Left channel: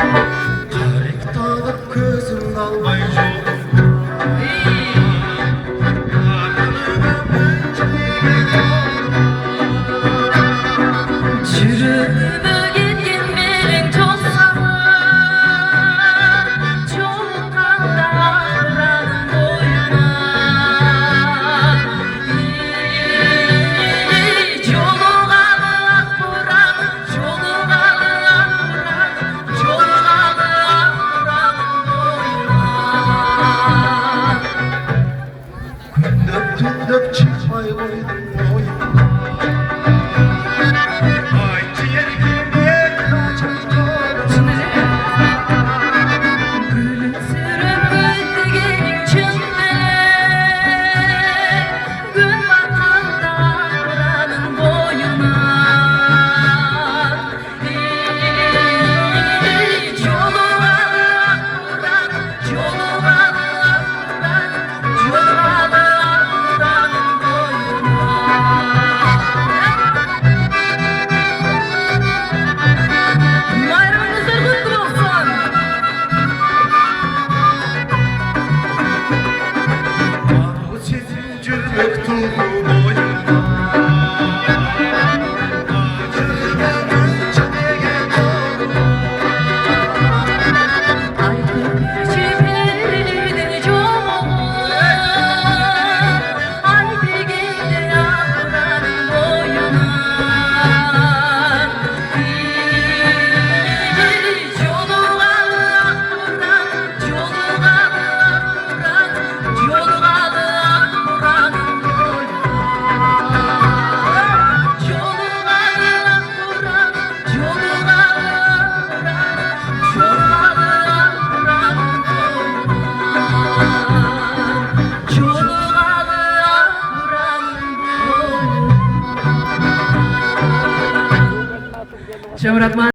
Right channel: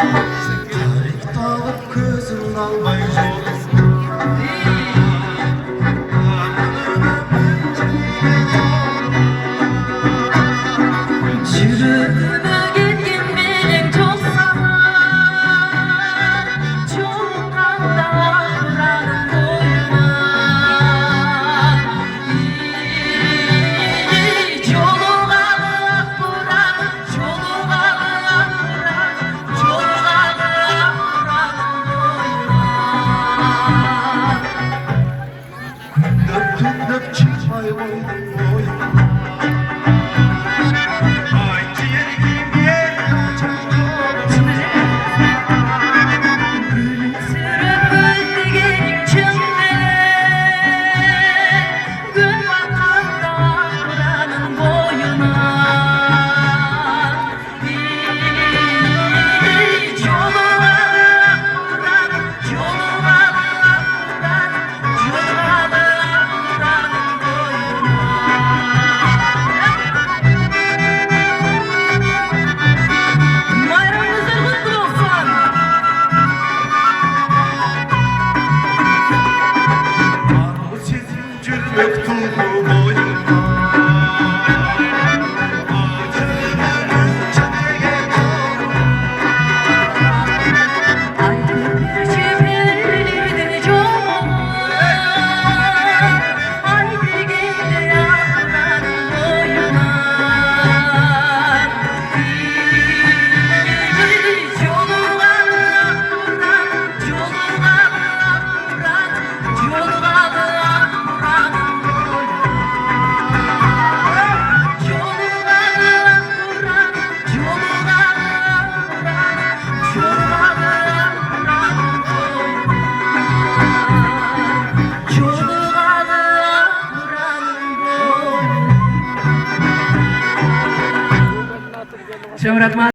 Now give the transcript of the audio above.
Tarek dağılıp kızıl dalmayı Çürüdü gittin benim çok zaman, çok kandan boyuna. Çoluğa buram, çoluğa buram, çoluğa buram boyuna. Döktün dök çıkmayı koydum boyuna. Mektubu boyuma Şöhret